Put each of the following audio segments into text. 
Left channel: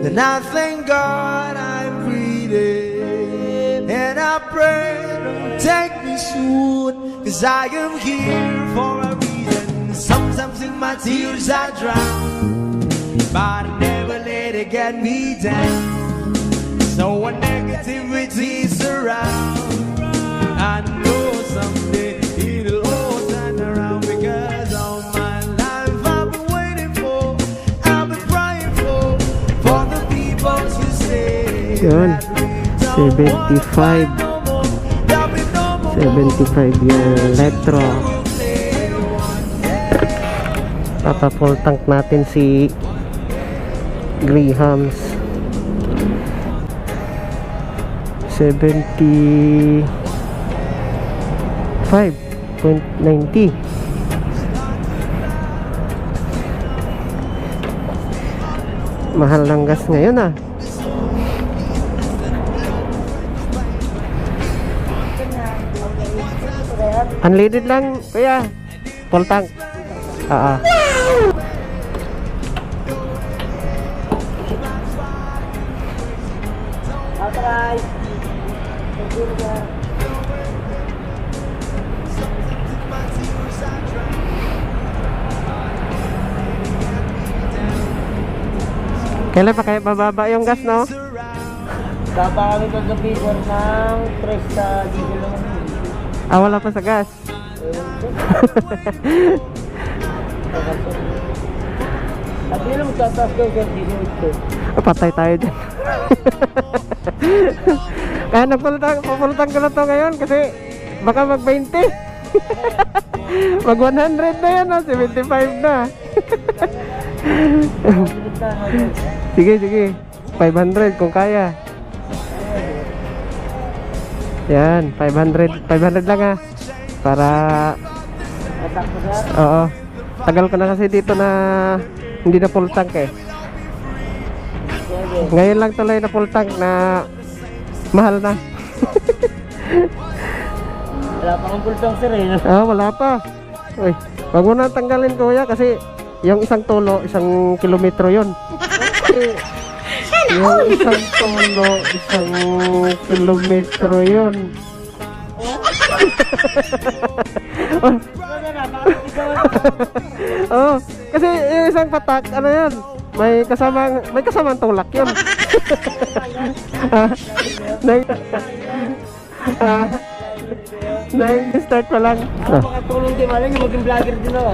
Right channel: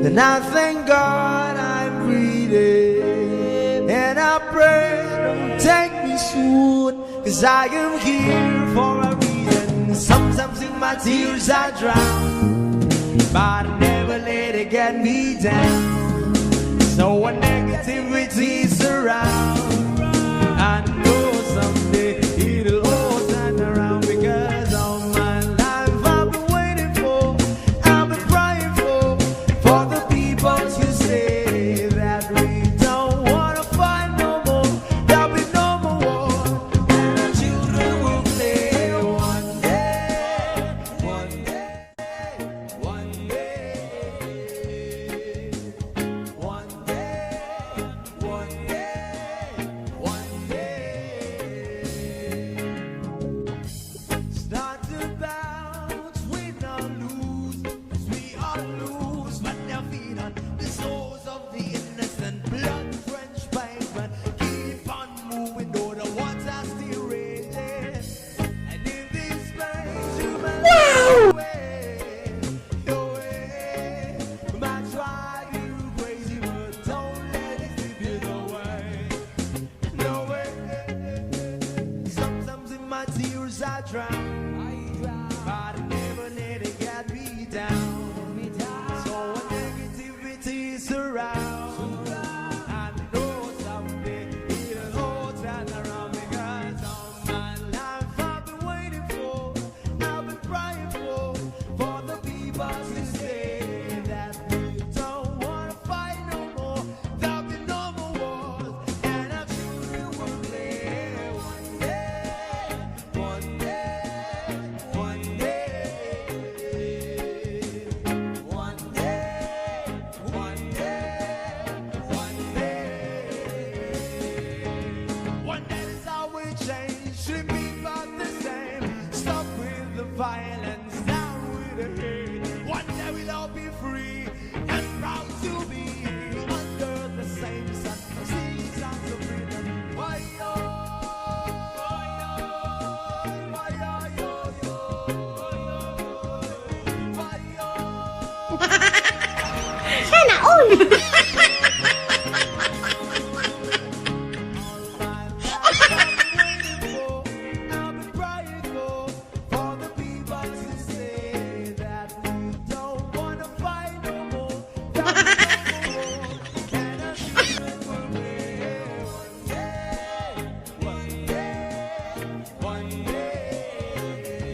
Then I thank God I'm breathing, and I pray don't take me soon, 'cause I am here for a reason. Sometimes in my tears I drown, but I never let it get me down. So when negativity surround, I know someday it'll all turn around, because all my life I've been waiting for, I've been praying for the people to say that we don't want to fight no more. There'll be no more 75 yung electro. Papa-full tank natin si Grahams. 75.90. Mahal ng gas ngayon ah. Unleaded lang kaya full tank. Kailan pa kaya bababa yung gas, no? Baba kami mag-figure ng stress sa Wala pa sa gas. at yun ang magtatas ko continuous. Patay tayo dyan. Kaya napulutang ko na to ngayon kasi baka mag-20. Mag-100 na yan, 75 na. Sige 500 kung kaya. Yan 500 lang ha, para oo, tagal ko na kasi dito na hindi na full tank eh. Ngayon lang tuloy na full tank na mahal na. Wala pa kang full tank sir eh. Wala pa. Uy, wag mo na tanggalin kuya kasi yung isang tulo, 1 kilometro yun. Yung isang tulo, 1 kilometro yun. Kasi yung isang patak, ano yun? May kasamang tulak yun. Start pa lang. Tulong si Malang yung maging vlogger din ako.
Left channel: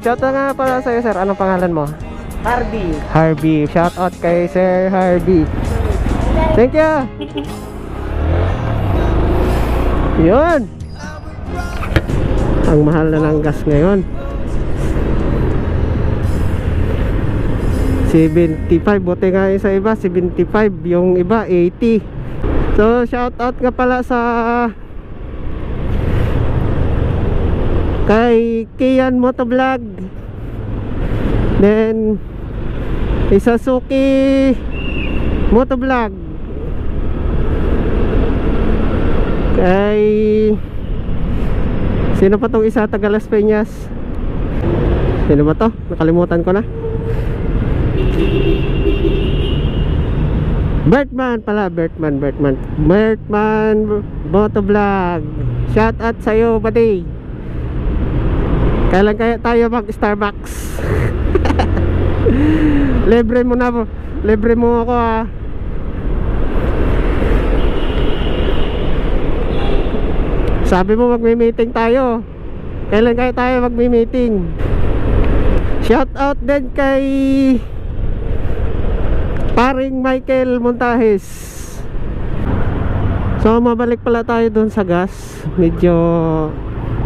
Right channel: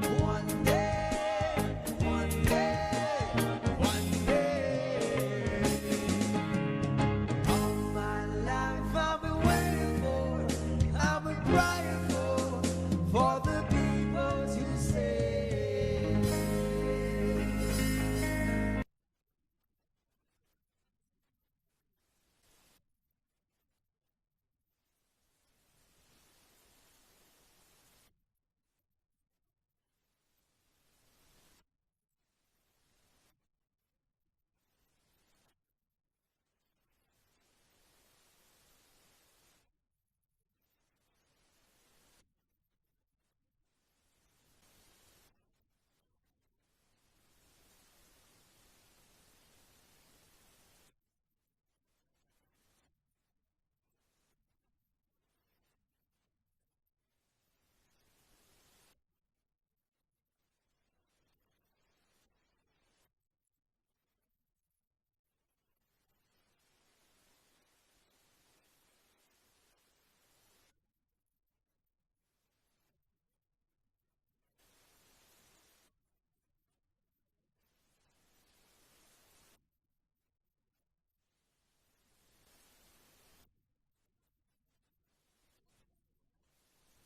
Shout out nga pala sa'yo sir. Anong pangalan mo? Harvey. Shout out kay Sir Harvey. Thank you. Yun. Ang mahal na ng gas ngayon. 75. Buti nga yung sa iba 75. Yung iba 80. So shout out nga pala sa kay Kian Motovlog, then Isasuki Motovlog, kay sino pa tong isa, taga Las Peñas, sino ba to? Nakalimutan ko na. Bertman pala, Bertman Motovlog. Shout out sa'yo buddy. Kailan kaya tayo mag Starbucks? Libre mo ako ha. Sabi mo magme-meeting tayo. Kailan kaya tayo magme-meeting? Shout out din kay paring Michael Montajes. So mabalik pala tayo dun sa gas. Medyo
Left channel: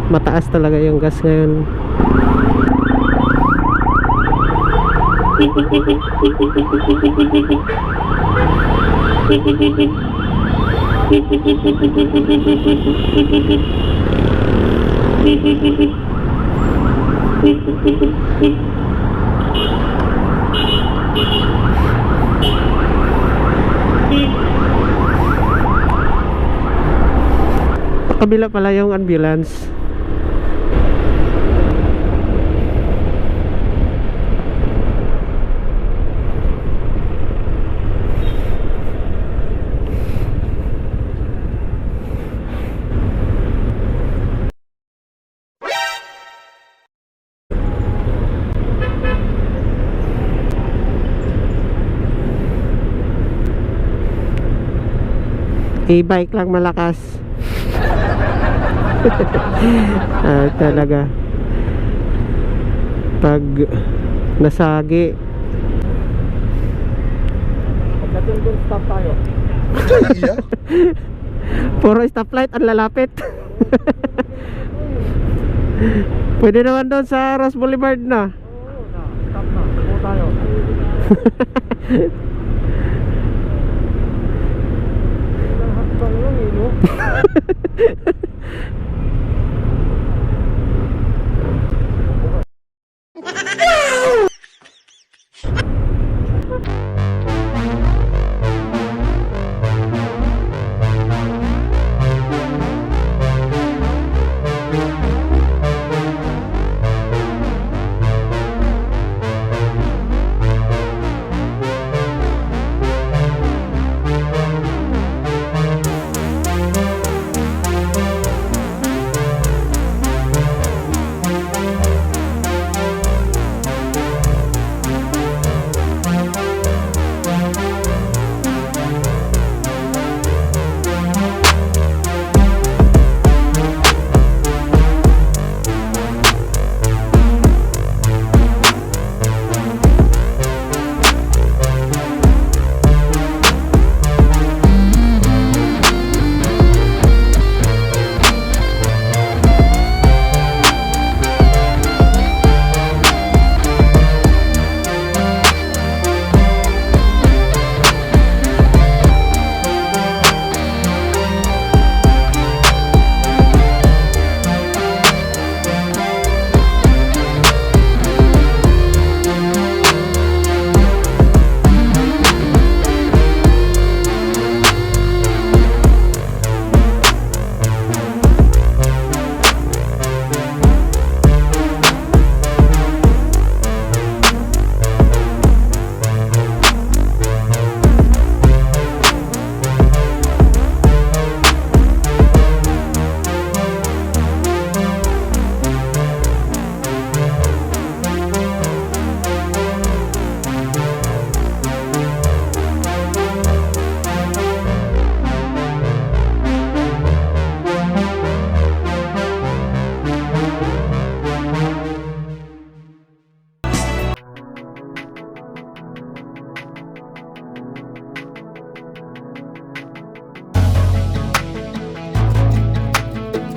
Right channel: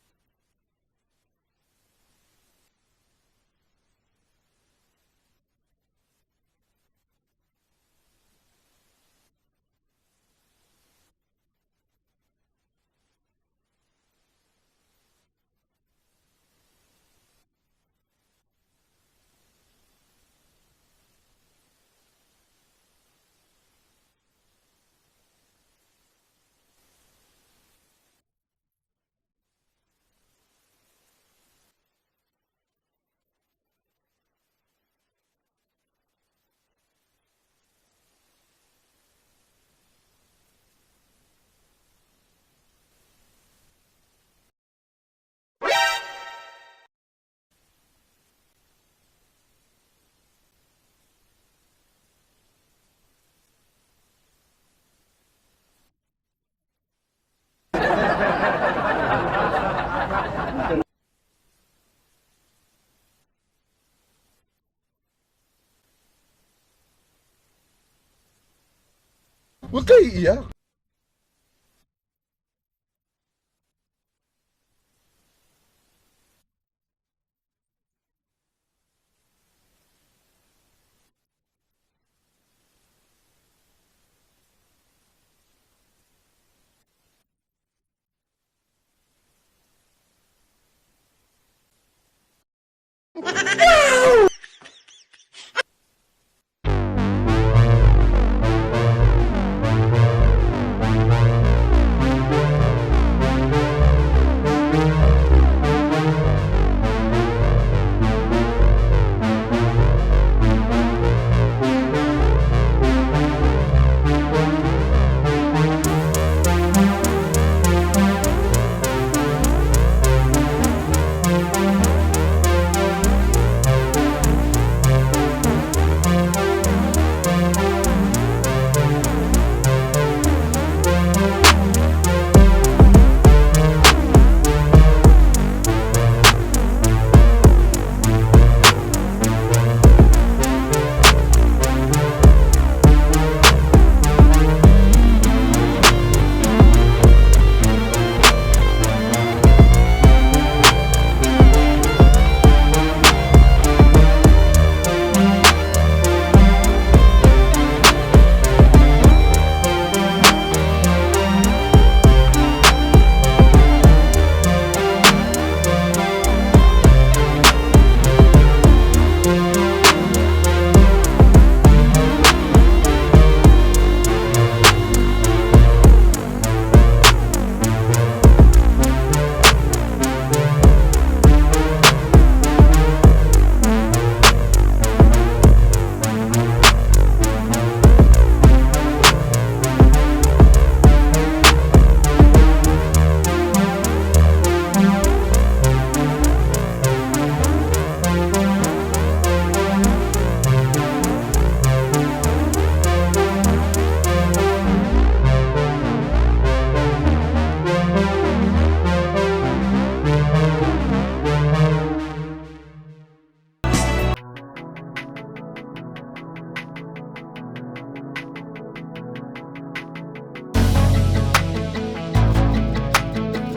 mataas talaga yung gas ngayon. Kabila pala yung ambulance. E-bike lang malakas. Talaga. Pag nasagi. Pagdating dun, stop tayo. Ba't kayo iiyak? Puro stoplight ang lalapit. Pwede naman doon sa Ross Boulevard na. Stop na. Tumo tayo. Hakbang lang eh, no?